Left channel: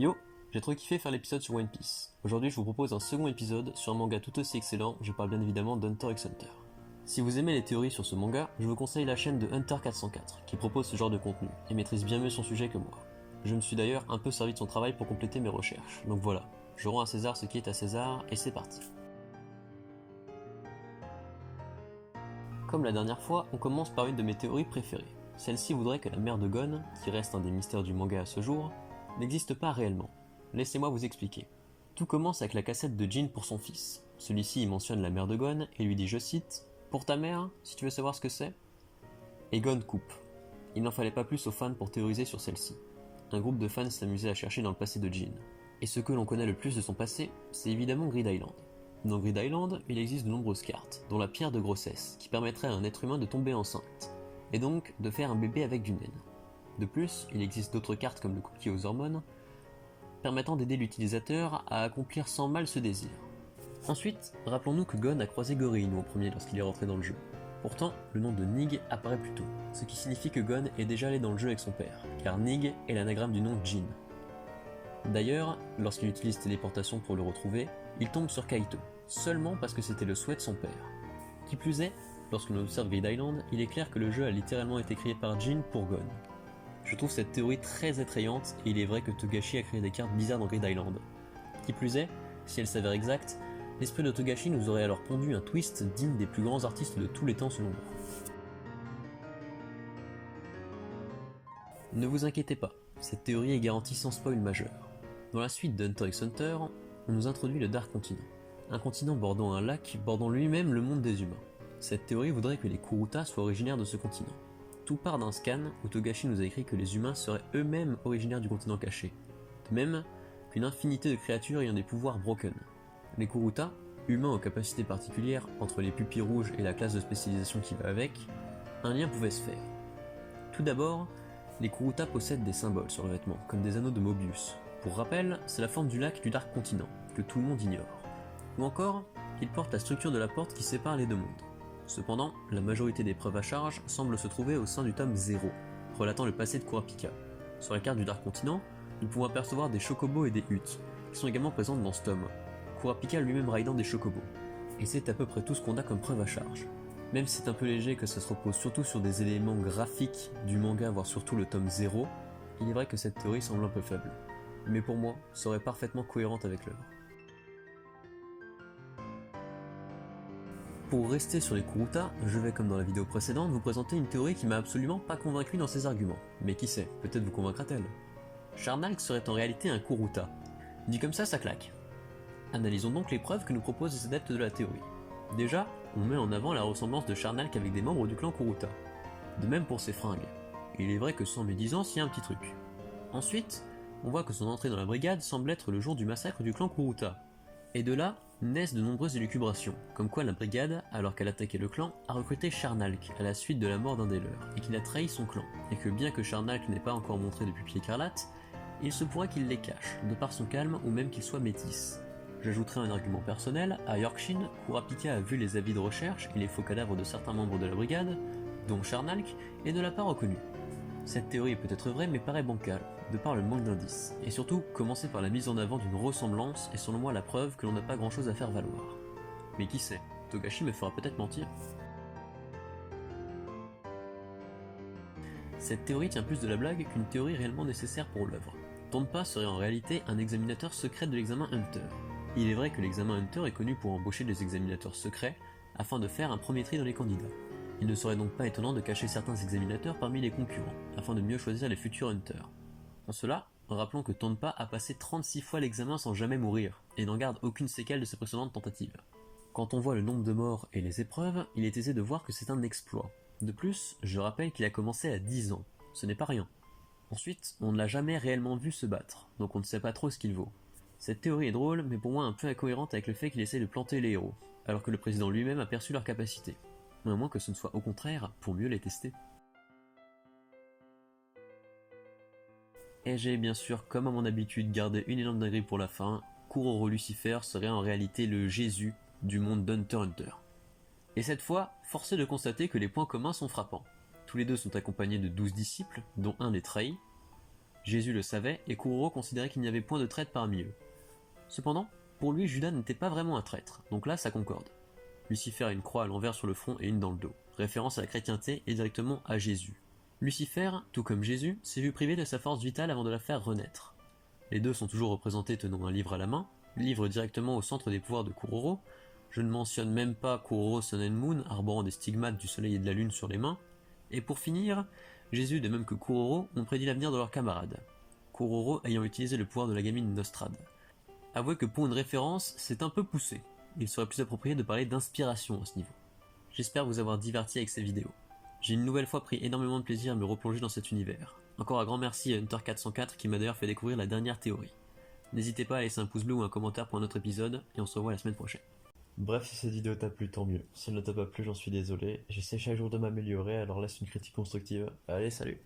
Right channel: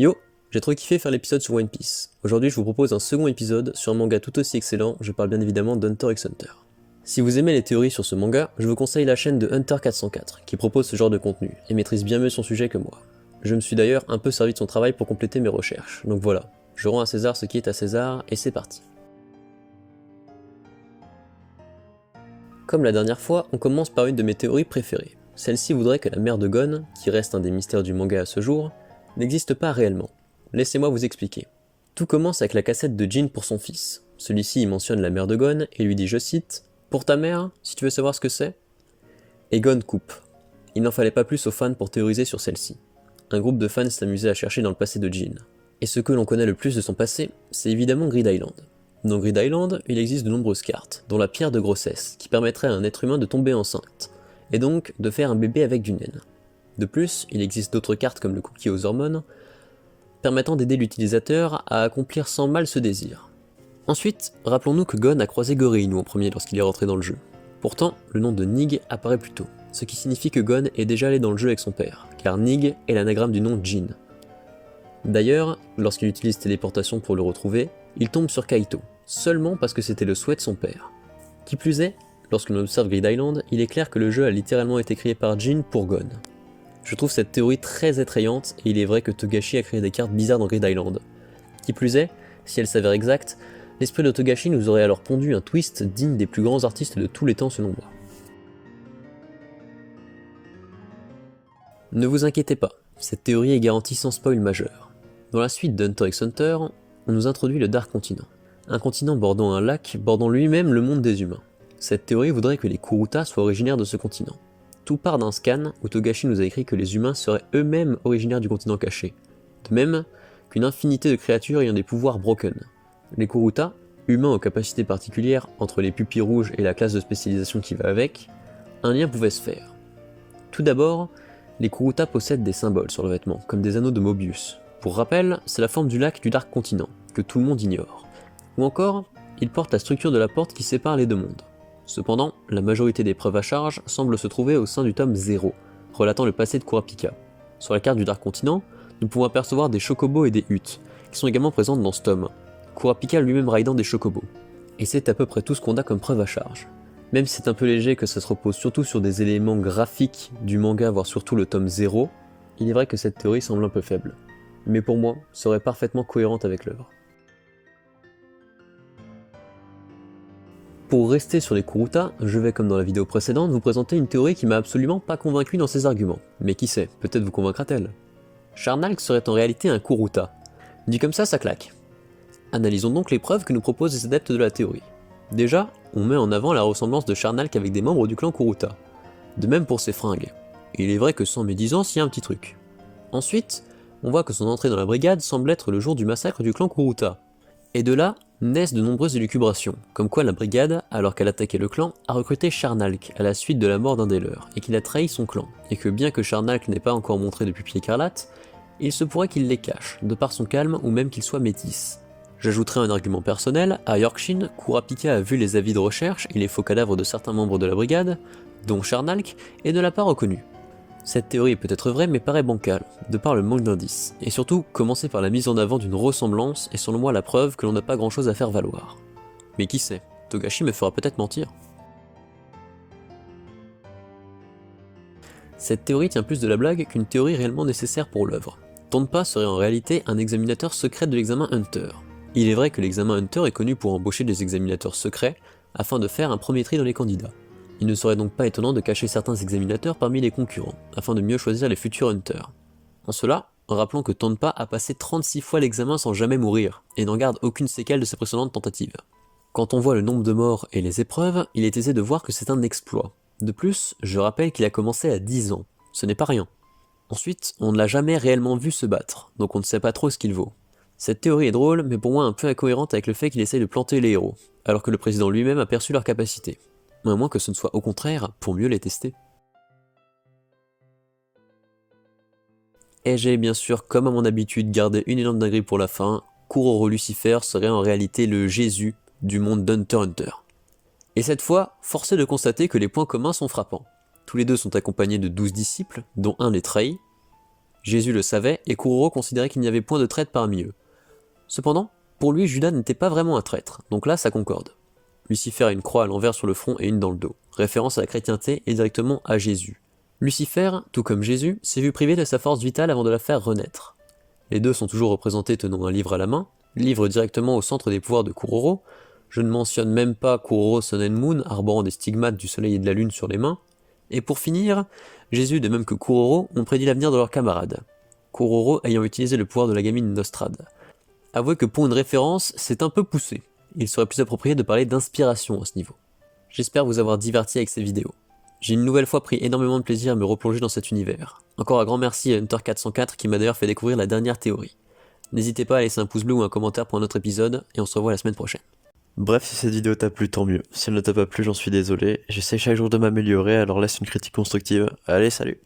Yo, j'ai trop kiffé faire l'épisode sur One Piece. Aujourd'hui je vous propose un second épisode sur un manga tout aussi excellent, je parle bien évidemment d'Hunter x Hunter. Si vous aimez les théories sur ce manga, je vous conseille la chaîne de Hunter 404, qui propose ce genre de contenu, et maîtrise bien mieux son sujet que moi. Je me suis d'ailleurs un peu servi de son travail pour compléter mes recherches, donc voilà, je rends à César ce qui est à César, et c'est parti. Comme la dernière fois, on commence par une de mes théories préférées. Celle-ci voudrait que la mère de Gon, qui reste un des mystères du manga à ce jour, n'existe pas réellement. Laissez-moi vous expliquer. Tout commence avec la cassette de Jin pour son fils. Celui-ci y mentionne la mère de Gon et lui dit, je cite, « Pour ta mère, si tu veux savoir ce que c'est ?» Et Gon coupe. Il n'en fallait pas plus aux fans pour théoriser sur celle-ci. Un groupe de fans s'est amusé à chercher dans le passé de Jin. Et ce que l'on connaît le plus de son passé, c'est évidemment Grid Island. Dans Grid Island, il existe de nombreuses cartes, dont la pierre de grossesse, qui permettrait à un être humain de tomber enceinte, et donc de faire un bébé avec du naine. De plus, il existe d'autres cartes comme le cookie aux hormones, permettant d'aider l'utilisateur à accomplir sans mal ce désir. Ensuite, rappelons-nous que Gon a croisé Goreinu en premier lorsqu'il est rentré dans le jeu. Pourtant, le nom de Nig apparaît plus tôt, ce qui signifie que Gon est déjà allé dans le jeu avec son père, car Nig est l'anagramme du nom Jin. D'ailleurs, lorsqu'il utilise téléportation pour le retrouver, il tombe sur Kaito, seulement parce que c'était le souhait de son père. Qui plus est, lorsqu'on observe Grid Island, il est clair que le jeu a littéralement été créé par Jin pour Gon. Je trouve cette théorie très effrayante et il est vrai que Togashi a créé des cartes bizarres dans Grid Island. Qui plus est, si elle s'avère exacte, l'esprit de Togashi nous aurait alors pondu un twist digne des plus grands artistes de tous les temps selon moi. Ne vous inquiétez pas, cette théorie est garantie sans spoil majeur. Dans la suite d'Hunter x Hunter, on nous introduit le Dark Continent, un continent bordant un lac bordant lui-même le monde des humains. Cette théorie voudrait que les Kuruta soient originaires de ce continent. Tout part d'un scan où Togashi nous a écrit que les humains seraient eux-mêmes originaires du continent caché, de même qu'une infinité de créatures ayant des pouvoirs broken. Les Kuruta, humains aux capacités particulières entre les pupilles rouges et la classe de spécialisation qui va avec, un lien pouvait se faire. Tout d'abord, les Kuruta possèdent des symboles sur le vêtement, comme des anneaux de Mobius. Pour rappel, c'est la forme du lac du Dark Continent, que tout le monde ignore. Ou encore, ils portent la structure de la porte qui sépare les deux mondes. Cependant, la majorité des preuves à charge semblent se trouver au sein du tome 0, relatant le passé de Kurapika. Sur la carte du Dark Continent, nous pouvons apercevoir des chocobos et des huttes, qui sont également présentes dans ce tome, Kurapika lui-même ridant des chocobos. Et c'est à peu près tout ce qu'on a comme preuve à charge. Même si c'est un peu léger que ça se repose surtout sur des éléments graphiques du manga, voire surtout le tome 0, il est vrai que cette théorie semble un peu faible. Mais pour moi, serait parfaitement cohérente avec l'œuvre. Pour rester sur les Kuruta, je vais comme dans la vidéo précédente vous présenter une théorie qui m'a absolument pas convaincu dans ses arguments. Mais qui sait, peut-être vous convaincra-t-elle. Sharnalk serait en réalité un Kuruta. Dit comme ça claque. Analysons donc les preuves que nous proposent les adeptes de la théorie. Déjà, on met en avant la ressemblance de Sharnalk avec des membres du clan Kuruta. De même pour ses fringues. Et il est vrai que sans médisance, il y a un petit truc. Ensuite, on voit que son entrée dans la brigade semble être le jour du massacre du clan Kuruta. Et de là, naissent de nombreuses élucubrations, comme quoi la brigade, alors qu'elle attaquait le clan, a recruté Sharnalk à la suite de la mort d'un des leurs, et qu'il a trahi son clan, et que bien que Sharnalk n'ait pas encore montré de pupille écarlate, il se pourrait qu'il les cache, de par son calme ou même qu'il soit métis. J'ajouterai un argument personnel, à Yorkshin, Kurapika a vu les avis de recherche et les faux cadavres de certains membres de la brigade, dont Sharnalk, et ne l'a pas reconnu. Cette théorie est peut-être vraie mais paraît bancale, de par le manque d'indices, et surtout commencer par la mise en avant d'une ressemblance est selon moi la preuve que l'on n'a pas grand chose à faire valoir. Mais qui sait, Togashi me fera peut-être mentir. Cette théorie tient plus de la blague qu'une théorie réellement nécessaire pour l'œuvre. Tonpa serait en réalité un examinateur secret de l'examen Hunter. Il est vrai que l'examen Hunter est connu pour embaucher des examinateurs secrets afin de faire un premier tri dans les candidats. Il ne serait donc pas étonnant de cacher certains examinateurs parmi les concurrents, afin de mieux choisir les futurs Hunters. En cela, rappelons que Tonpa a passé 36 fois l'examen sans jamais mourir, et n'en garde aucune séquelle de ses précédentes tentatives. Quand on voit le nombre de morts et les épreuves, il est aisé de voir que c'est un exploit. De plus, je rappelle qu'il a commencé à 10 ans, ce n'est pas rien. Ensuite, on ne l'a jamais réellement vu se battre, donc on ne sait pas trop ce qu'il vaut. Cette théorie est drôle, mais pour moi un peu incohérente avec le fait qu'il essaye de planter les héros, alors que le président lui-même a perçu leurs capacités. À moins que ce ne soit au contraire pour mieux les tester. Et j'ai bien sûr, comme à mon habitude, gardé une énorme dinguerie pour la fin, Kuroro Lucifer serait en réalité le Jésus du monde d'Hunter x Hunter. Et cette fois, force est de constater que les points communs sont frappants. Tous les deux sont accompagnés de 12 disciples, dont un les trahit, Jésus le savait et Kuroro considérait qu'il n'y avait point de traître parmi eux. Cependant, pour lui, Judas n'était pas vraiment un traître, donc là ça concorde. Lucifer a une croix à l'envers sur le front et une dans le dos, référence à la chrétienté et directement à Jésus. Lucifer, tout comme Jésus, s'est vu privé de sa force vitale avant de la faire renaître. Les deux sont toujours représentés tenant un livre à la main, livre directement au centre des pouvoirs de Kuroro. Je ne mentionne même pas Kuroro Sun and Moon, arborant des stigmates du soleil et de la lune sur les mains. Et pour finir, Jésus de même que Kuroro ont prédit l'avenir de leurs camarades, Kuroro ayant utilisé le pouvoir de la gamine Nostrad. Avouez que pour une référence, c'est un peu poussé. Il serait plus approprié de parler d'inspiration à ce niveau. J'espère vous avoir diverti avec ces vidéos. J'ai une nouvelle fois pris énormément de plaisir à me replonger dans cet univers. Encore un grand merci à Hunter404 qui m'a d'ailleurs fait découvrir la dernière théorie. N'hésitez pas à laisser un pouce bleu ou un commentaire pour un autre épisode, et on se revoit la semaine prochaine. Bref, si cette vidéo t'a plu, tant mieux. Si elle ne t'a pas plu, j'en suis désolé. J'essaie chaque jour de m'améliorer, alors laisse une critique constructive. Allez, salut!